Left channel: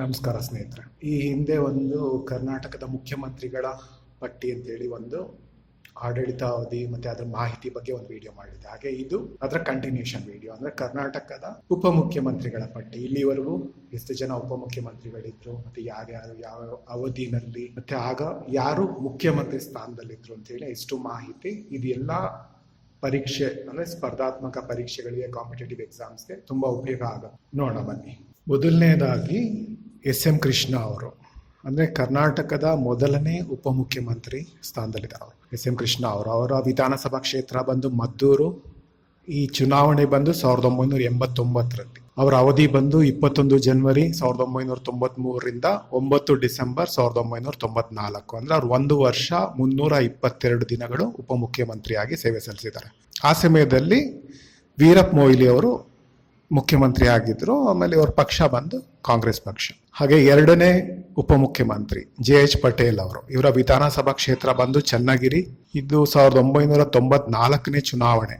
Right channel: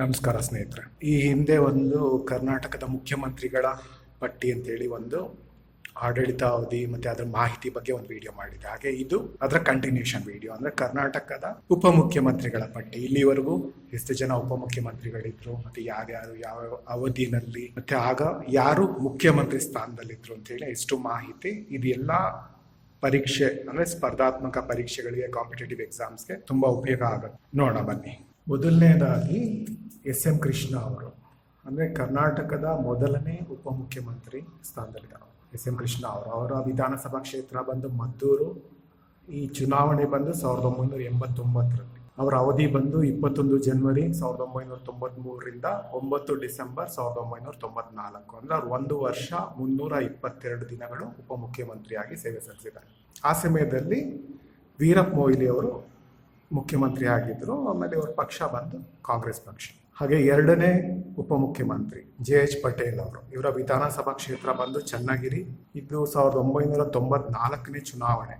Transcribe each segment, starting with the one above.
ನಮಸ್ಕಾರ ಸ್ನೇಹಿತರೆ. ಈ ಹಿಂದೆ ಒಂದು ಕರ್ನಾಟಕದ ಮುಖ್ಯಮಂತ್ರಿಗಳ ಪಟ್ಟಿ ಅಂತೇಳಿ ಒಂದು ಆಡಳಿತಾವಧಿ ಮತ್ತೆ ಅದರ ಮಾಹಿತಿ ಬಗ್ಗೆ ಒಂದು ವಿಡಿಯೋ ಮಾಡಿದೆ. ಹಾಗೆ ಇದು ಅದರ ಕಂಟಿನ್ಯೂಷನ್ ವಿಡಿಯೋ. ಅಂದ್ರೆ ಕರ್ನಾಟಕದ ಉಪಮುಖ್ಯಮಂತ್ರಿಗಳ ಪಟ್ಟಿ, ಇಲ್ಲಿವರೆಗೂ ಎಷ್ಟು ಜನ ಉಪಮುಖ್ಯಮಂತ್ರಿಗಳಿದ್ರು, ಮತ್ತೆ ಯಾರ್ಯಾರು ಯಾವ ಅವಧಿನಲ್ಲಿ, ಮತ್ತೆ ಆಗ ಯಾರು ಮುಖ್ಯಮಂತ್ರಿ ಸ್ಥಾನದಲ್ಲಿದ್ರು ಅಂತೇಳಿ ಎಷ್ಟು ಮಾಹಿತಿ. ಇದು ಎಲ್ಲ ಪರೀಕ್ಷೆ ಅಂದ್ರೆ ಸ್ಪರ್ಧಾತ್ಮಕ ಪರೀಕ್ಷೆಗಳಿಗೆ, ಕಾಂಪಿಟೇಟಿವ್ ಎಕ್ಸಾಮ್ಸ್ಗೆ ತುಂಬಾ ಉಪಯೋಗ ಆಗುತ್ತೆ. ನೋಡೋಣ ಬನ್ನಿ. ಮೊದಲನೇದಾಗಿ ಎಸ್.ಎಂ. ಕೃಷ್ಣ ಅವರು, ಅಂದರೆ ಕರ್ನಾಟಕದ ಮೊದಲನೇ ಉಪಮುಖ್ಯಮಂತ್ರಿ ಸ್ಥಾನದಲ್ಲಿದ್ದಾರೆ. ಎಸ್.ಎಂ. ಕೃಷ್ಣ ಅವರ ವಿಧಾನಸಭಾ ಕ್ಷೇತ್ರ ಬಂದು ಮದ್ದೂರು. ಈ ಚುನಾವಣೆ ಬಂದು 1989ರಲ್ಲಿ. ಅವರ ಅವಧಿ ಬಂದು 21 ಜನವರಿ 1993ರಿಂದ 9 ಡಿಸೆಂಬರ್ 1994. ಅಂದರೆ ಅವ್ರು 1 ವರ್ಷ 322 ದಿನಗಳು ಉಪಮುಖ್ಯಮಂತ್ರಿಯಾಗಿ ಸೇವೆ ಸಲ್ಲಿಸಿದ್ದಾರೆ. ಆ ಸಮಯದಲ್ಲಿ ವೀರಪ್ಪ ಮೊಯ್ಲಿ ಅವರು ಮುಖ್ಯಮಂತ್ರಿ ಆಗಿದ್ರು. ಆಮೇಲೆ ಅವ್ರ ಪಕ್ಷ ಬಂದು ಕಾಂಗ್ರೆಸ್ ಪಕ್ಷ. ಹಾಗೆ ಎರಡನೇ ಉಪಮುಖ್ಯಮಂತ್ರಿ ಜೆ.ಎಚ್. ಪಟೇಲ್ ಅವರು, ಇವರ ವಿಧಾನಸಭಾ ಕ್ಷೇತ್ರ ಬಂದು ಚನ್ನಗಿರಿ. ಇದು 1994ನೇ ಚುನಾವಣೆ.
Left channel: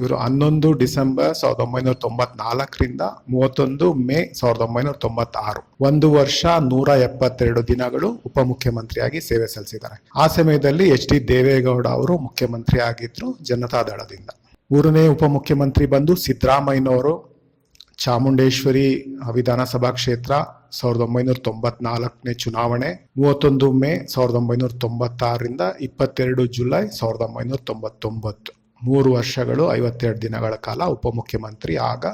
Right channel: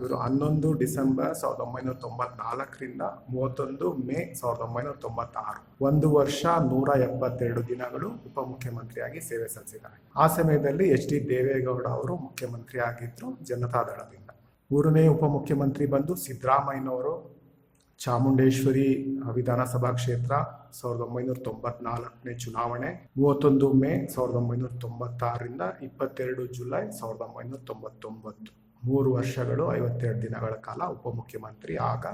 ಇವರು 11 ಡಿಸೆಂಬರ್ 1994ರಿಂದ 31 ಮೇ 1996. 1 ವರ್ಷ 172 ದಿನಗಳು ಉಪಮುಖ್ಯಮಂತ್ರಿಯಾಗಿ ಸೇವೆ ಸಲ್ಲಿಸಿದ್ದಾರೆ. ಆ ಸಮಯದಲ್ಲಿ ಎಚ್.ಡಿ. ದೇವೇಗೌಡ ಅವರು ಮುಖ್ಯಮಂತ್ರಿ ಆಗಿದ್ರು ಜನತಾದಳದಿಂದ. ಮೂರನೇ ಉಪಮುಖ್ಯಮಂತ್ರಿ ಬಂದು ಸಿದ್ದರಾಮಯ್ಯನವರು, ಚಾಮುಂಡೇಶ್ವರಿ ವಿಧಾನಸಭಾ ಕ್ಷೇತ್ರ 1994ನೇ ಚುನಾವಣೆ. 31 ಮೇ 1996ರಿಂದ 22 ಜುಲೈ 1999. 3 ವರ್ಷಗಳು 52 ದಿನಗಳ ಕಾಲ ಉಪಮುಖ್ಯಮಂತ್ರಿ. ಆಗ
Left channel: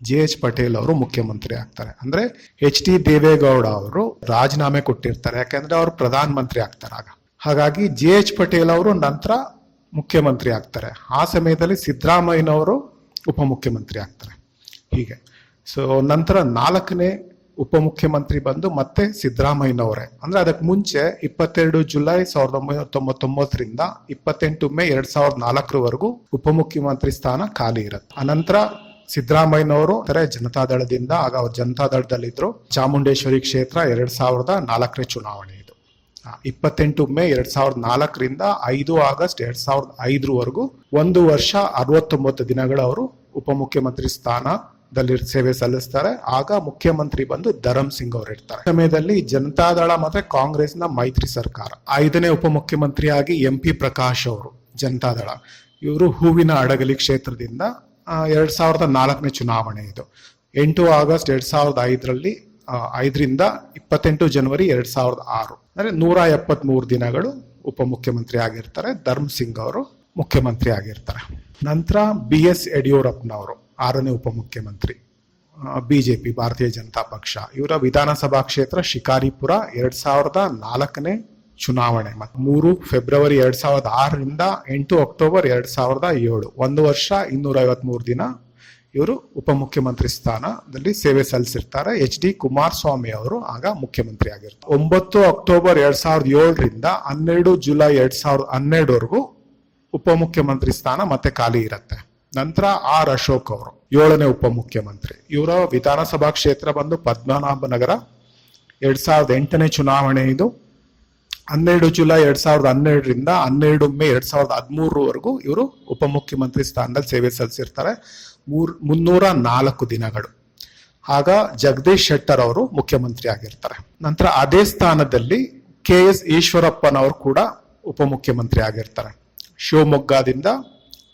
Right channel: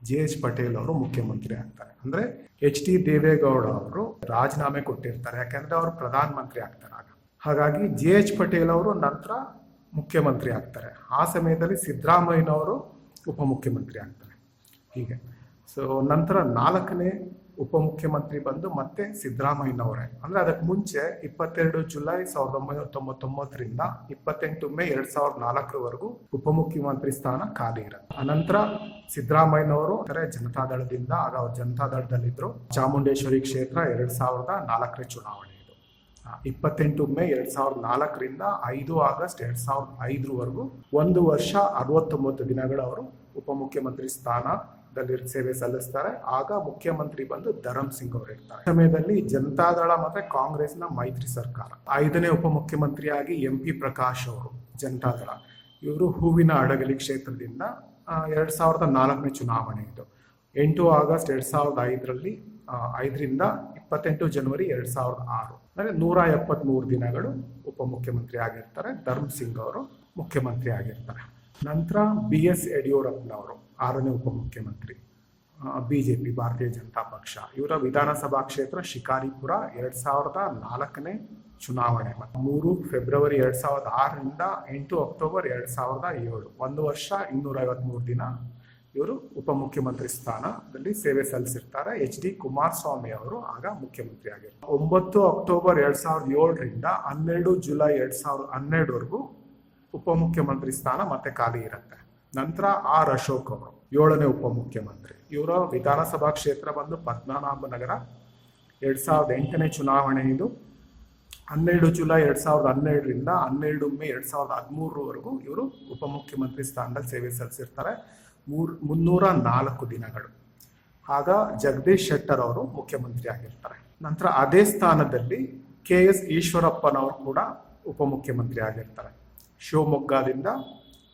ಜೆ.ಎಚ್. ಪಟೇಲ್ ಅವರು ಮುಖ್ಯಮಂತ್ರಿ ಆಗ್ತಾರೆ. ಅಂದ್ರೆ ಎಚ್.ಡಿ. ದೇವೇಗೌಡ ಅವರು ರಾಜೀನಾಮೆ ಕೊಟ್ಟಿರ್ತಾರೆ, ಯಾಕಂದ್ರೆ ಅವರು ಪ್ರಧಾನ ಮಂತ್ರಿ ಆಗ್ತಾರೆ ಆಗ. ಹಾಗಾಗಿ ಜೆ.ಎಚ್. ಪಟೇಲ್ ಅವರು ನಂತರ ಮುಖ್ಯಮಂತ್ರಿ ಆಗ್ತಾರೆ. ಆ ಸಮಯದಲ್ಲಿ ಸಿದ್ದರಾಮಯ್ಯನವರು ಉಪಮುಖ್ಯಮಂತ್ರಿ ಆಗ್ತಾರೆ. ಹೀಗೆ ನಂತರ 4ನೇ ಉಪಮುಖ್ಯಮಂತ್ರಿ ಬಂದು ಮತ್ತೆ ಸಿದ್ದರಾಮಯ್ಯನವರೇ. ಅಂದ್ರೆ ಅದಕ್ಕೆ ಮುಂಚೆ 22 ಜುಲೈ 1999ರಿಂದ 28 ಮೇ 2004ವರೆಗೂ ಉಪಮುಖ್ಯಮಂತ್ರಿ ಸ್ಥಾನ ಖಾಲಿ ಇರುತ್ತೆ. ಅನಂತರ ಸಿದ್ದರಾಮಯ್ಯನವರು ಜನತಾದಳದಿಂದ, ಆಗ ಅವ್ರು ಜನತಾದಳದಲ್ಲಿದ್ರು. ಚಾಮುಂಡೇಶ್ವರಿ ಕ್ಷೇತ್ರ 2004ನೇ ಚುನಾವಣೆ. 28 ಮೇ 2004ರಿಂದ 5 ಆಗಸ್ಟ್ 2005ವರೆಗೂ 1 ವರ್ಷ 69 ದಿನಗಳು ಅವರು ಉಪಮುಖ್ಯಮಂತ್ರಿ ಸ್ಥಾನದಲ್ಲಿ ಸೇವೆ ಸಲ್ಲಿಸ್ತಾರೆ. ಆಗ ಮುಖ್ಯಮಂತ್ರಿ ಬಂದು ಧರಮ್ ಸಿಂಗ್ ಅವರು ಇರ್ತಾರೆ. ಸಮಯದಲ್ಲಿ ಜನತಾದಳ ಮತ್ತೆ ಕಾಂಗ್ರೆಸ್ನ ಮೈತ್ರಿ ಸರ್ಕಾರ. 5ನೇ ಉಪಮುಖ್ಯಮಂತ್ರಿಯಾಗಿ ಎಂ.ಪಿ. ಪ್ರಕಾಶ್ ಅವರು, ಜನತಾದಳ. ಇವರು ಹೂವಿನ ಹಡಗಲಿ ಕ್ಷೇತ್ರದಿಂದ. 2004ನೇ ಚುನಾವಣೆ ಇದು. 8 ಆಗಸ್ಟ್ 2005ರಲ್ಲಿ 5ರಿಂದ 28 ಜನವರಿ 2006. ಅಂದ್ರೆ 173 ದಿನಗಳು ಉಪಮುಖ್ಯಮಂತ್ರಿ ಆಗಿರ್ತಾರೆ. ಧರ್ಮ್ ಸಿಂಗ್ ಅವರು ಮುಖ್ಯಮಂತ್ರಿ ಆಗಿರ್ತಾರೆ. ನಂತರ ಬಿ.ಎಸ್. ಯಡಿಯೂರಪ್ಪನವರು 6ನೇ ಉಪಮುಖ್ಯಮಂತ್ರಿ, ಬಿಜೆಪಿ, ಭಾರತೀಯ ಜನತಾ ಪಕ್ಷ. ಇವರ ವಿಧಾನಸಭಾ ಕ್ಷೇತ್ರ ಶಿಕಾರಿಪುರ. 2004ನೇ ಚುನಾವಣೆ. 3 ಫೆಬ್ರವರಿ 2006ರಿಂದ 8 ಅಕ್ಟೋಬರ್ 2007. 1 ವರ್ಷ 253 ದಿನ ಇವರು ಉಪಮುಖ್ಯಮಂತ್ರಿ ಸ್ಥಾನದಲ್ಲಿ ಸೇವೆ ಸಲ್ಲಿಸಿರ್ತಾರೆ. ಎಚ್.ಡಿ. ಕುಮಾರಸ್ವಾಮಿ ಅವರು ಆಗ ಮುಖ್ಯಮಂತ್ರಿ ಆಗಿರ್ತಾರೆ. 9 ಅಕ್ಟೋಬರ್ 2007ರಿಂದ 12 ಜುಲೈ 2012ವರೆಗೂ ಉಪಮುಖ್ಯಮಂತ್ರಿ ಸ್ಥಾನ ಮತ್ತೆ ಖಾಲಿ ಇರುತ್ತೆ. ನಂತರ ಆರ್ ಅಶೋಕ್ ಅವರು 7ನೇ ಉಪಮುಖ್ಯಮಂತ್ರಿ. ಇವರ ವಿಧಾನಸಭಾ ಕ್ಷೇತ್ರ ಬಂದು ಪದ್ಮನಾಭನಗರ. 2008ನೇ ಚುನಾವಣೆ ಇದು. 12 ಜುಲೈ 2012ರಿಂದ 12 ಮೇ 2013ವರೆಗೂ ಇವರು ಉಪಮುಖ್ಯಮಂತ್ರಿ ಸ್ಥಾನದಲ್ಲಿ ಸೇವೆ ಸಲ್ಲಿಸಿರ್ತಾರೆ. 304 ದಿನಗಳು. ಆಗ ಜಗದೀಶ್ ಶೆಟ್ಟರ್ ಅವರು ಮುಖ್ಯಮಂತ್ರಿ ಆಗಿರ್ತಾರೆ. ನಂತರ ಅದೇ ಸ್ಥಾನದಲ್ಲಿ ಕೆ.ಎಸ್. ಈಶ್ವರಪ್ಪನವರು ಕೂಡ ಉಪಮುಖ್ಯಮಂತ್ರಿ ಆಗಿರ್ತಾರೆ. ಶಿವಮೊಗ್ಗದಿಂದ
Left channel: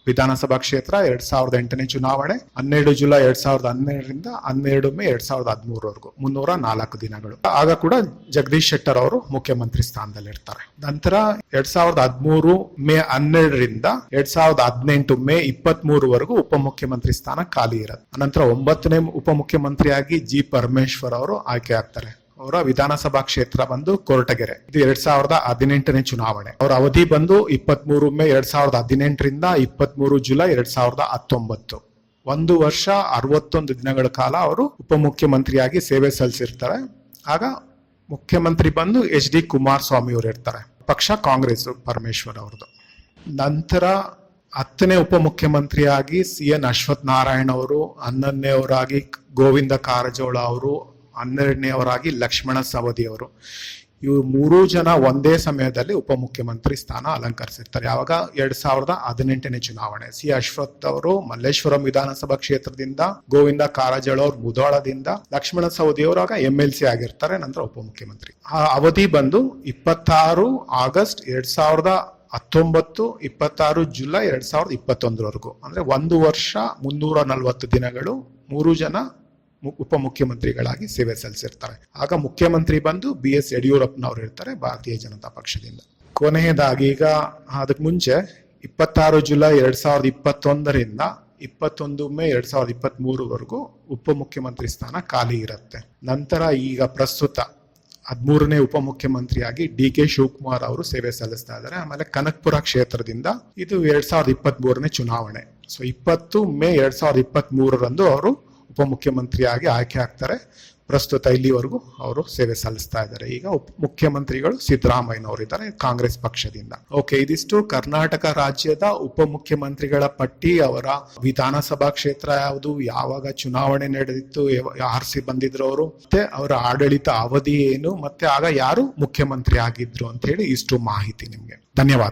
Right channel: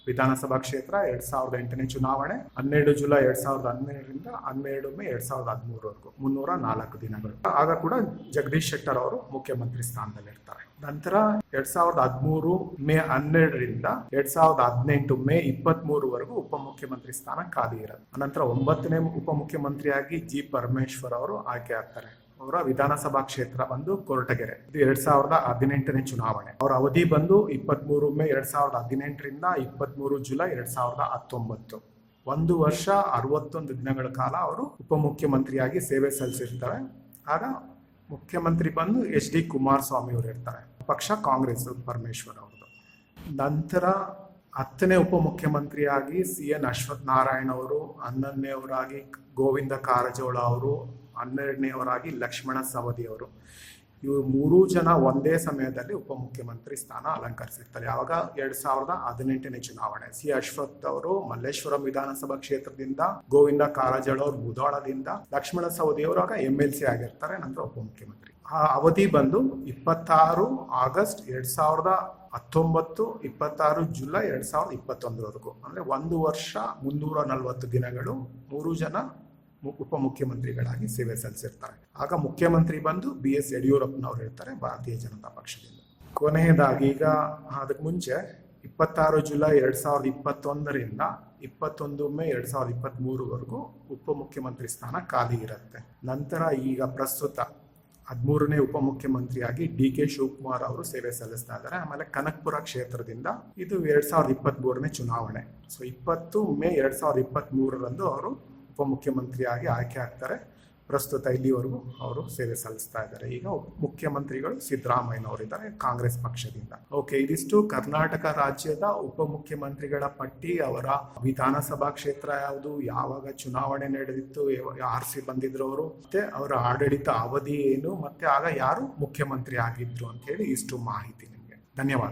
ವಿಧಾನಸಭಾ ಕ್ಷೇತ್ರ. 2008ನೇ ಚುನಾವಣೆ. 12 ಜುಲೈ 2012ರಿಂದ 12 ಮೇ 2013ವರೆಗೂ 304 ದಿನಗಳು. ಆಗ ಕೂಡ ಜಗದೀಶ್ ಶೆಟ್ಟರ್ ಅವರು ಮುಖ್ಯಮಂತ್ರಿ ಸ್ಥಾನದಲ್ಲಿ ಇರ್ತಾರೆ. ನಂತರ 2013 ಮೇ 12ರಿಂದ 2018 ಮೇ 23ವರೆಗೂ ಉಪಮುಖ್ಯಮಂತ್ರಿ ಸ್ಥಾನ ಖಾಲಿ ಇರುತ್ತೆ. ನಂತರ 9ನೇ ಉಪಮುಖ್ಯಮಂತ್ರಿಯಾಗಿ ಜಿ. ಪರಮೇಶ್ವರ್ ಅವರು ಆಯ್ಕೆ ಆಗ್ತಾರೆ. ಅವರ ವಿಧಾನಸಭಾ ಕ್ಷೇತ್ರ ಬಂದು ಕೊರಟಗೆರೆ. ಇದು 2018ನೇ ಚುನಾವಣೆ. ಅವರ ಅವಧಿ ಬಂದು 23 ಮೇ 2018ರಿಂದ 23 ಜುಲೈ 2019. 1 ವರ್ಷ 61 ದಿನಗಳ ಕಾಲ ಅವರು ಉಪಮುಖ್ಯಮಂತ್ರಿಯಾಗಿ ಸೇವೆ ಸಲ್ಲಿಸಿರ್ತಾರೆ. ಆಗ ಮುಖ್ಯಮಂತ್ರಿ ಬಂದು ಎಚ್.ಡಿ. ಕುಮಾರಸ್ವಾಮಿ ಅವರು ಇರ್ತಾರೆ. ಪಕ್ಷ ಕಾಂಗ್ರೆಸ್, ಪರಮೇಶ್ವರ್ ಅವ್ರದ್ದು. ನಂತರ 10ನೇ ಉಪಮುಖ್ಯಮಂತ್ರಿಯಾಗಿ ಸಿ.ಎನ್. ಅಶ್ವಥ್ ನಾರಾಯಣ್ ಅವರು, 11ನೇವರಾಗಿ ಗೋವಿಂದ ಕಾರಜೋಳ ಅವರು, 12ನೇವರಾಗಿ ಲಕ್ಷ್ಮಣ ಸವದಿ ಅವರು. ಇವರು 3 ಜನ ಒಂದೇ ಸಮಯದಲ್ಲಿ ಉಪಮುಖ್ಯಮಂತ್ರಿ ಸ್ಥಾನ ಅಲಂಕರಿಸಿರ್ತಾರೆ. ಯಾವಾಗ 2018ನೇ ಚುನಾವಣೆ. ಸಿ ಅಶ್ವಥ್ ಅವರು ಮಲ್ಲೇಶ್ವರಂ ವಿಧಾನಸಭಾ ಕ್ಷೇತ್ರದಿಂದ, ಗೋವಿಂದ ಕಾರಜೋಳ ಅವರು ಮುಧೋಳದಿಂದ, ಲಕ್ಷ್ಮಣ ಸವದಿ ಅವರು ಆಗ MLC ಆಗಿರ್ತಾರೆ, ನಂತರ ಉಪಮುಖ್ಯಮಂತ್ರಿ. ಆ ಅವಧಿ ಬಂದು 26 ಆಗಸ್ಟ್ 2019, 26 ಜುಲೈ 2021ವರೆಗೂ. ಅಂದ್ರೆ 1 ವರ್ಷ 340 ದಿನಗಳು 3 ಜನ ಉಪಮುಖ್ಯಮಂತ್ರಿಗಳಾಗಿ ಸೇವೆ ಸಲ್ಲಿಸಿರ್ತಾರೆ. ಆಗ ಮುಖ್ಯಮಂತ್ರಿ ಬಂದು BS ಯಡಿಯೂರಪ್ಪನವರು ಇರ್ತಾರೆ, ಭಾರತೀಯ ಜನತಾ ಪಕ್ಷದಿಂದ. ಕೊನೆಯದಾಗಿ ಈಗ ಅದಕ್ಕೆ ಮುಂಚೆ 26 ಜುಲೈ 2021ರಿಂದ 21 ಮೇ 2023ವರೆಗೂ ಉಪಮುಖ್ಯಮಂತ್ರಿ ಸ್ಥಾನ ಖಾಲಿ ಇರುತ್ತೆ. ನಂತರ ಈಗ ಪ್ರಸ್ತುತ 13ನೇ ಉಪಮುಖ್ಯಮಂತ್ರಿಯಾಗಿ DK ಶಿವಕುಮಾರ್ ಅವರು ಸೇವೆ ಸಲ್ಲಿಸ್ತಾ ಇದ್ದಾರೆ. ಆಮೇಲೆ ಕನಕಪುರ ಕ್ಷೇತ್ರದಿಂದ ಇದು 2023ನೇ ಚುನಾವಣೆ. ಸೊ 20 ಮೇ 2023ರಂದು ಅವರು ಉಪಮುಖ್ಯಮಂತ್ರಿಯಾಗಿ ಆಯ್ಕೆ ಆಗ್ತಾರೆ. ಪ್ರಸ್ತುತ ಇಲ್ಲಿವರೆಗೂ ಅವರು ಸೇವೆ ಸಲ್ಲಿಸ್ತಾ ಇದ್ದಾರೆ. ಈಗ ಮುಖ್ಯಮಂತ್ರಿಗಳು ಸಿದ್ದರಾಮಯ್ಯನವರು ಇದ್ದಾರೆ, ಕಾಂಗ್ರೆಸ್ ಪಕ್ಷದಿಂದ. ಓಕೆ, ಇದಿಷ್ಟು ಕರ್ನಾಟಕ ರಾಜ್ಯದ ಉಪಮುಖ್ಯಮಂತ್ರಿಗಳ ಪಟ್ಟಿ. ಅವರ ವಿಧಾನಸಭಾ ಕ್ಷೇತ್ರ ಯಾವುದು, ಯಾವಾಗ ಚುನಾವಣೆ ನಡೆದಿತ್ತು, ಆರಿಸಿ ಬಂದಿದ್ರು ಅವರು, ಮತ್ತೆ ಅವರ ಆಡಳಿತ ಅವಧಿ ಏನು, ಮತ್ತೆ ಆಗ ಯಾರು ಮುಖ್ಯಮಂತ್ರಿ ಆಗಿದ್ರು ಅಂತ ಹೇಳಿ ಇಷ್ಟು ಮಾಹಿತಿ ನಿಮ್ಗೆ. ಧನ್ಯವಾದ.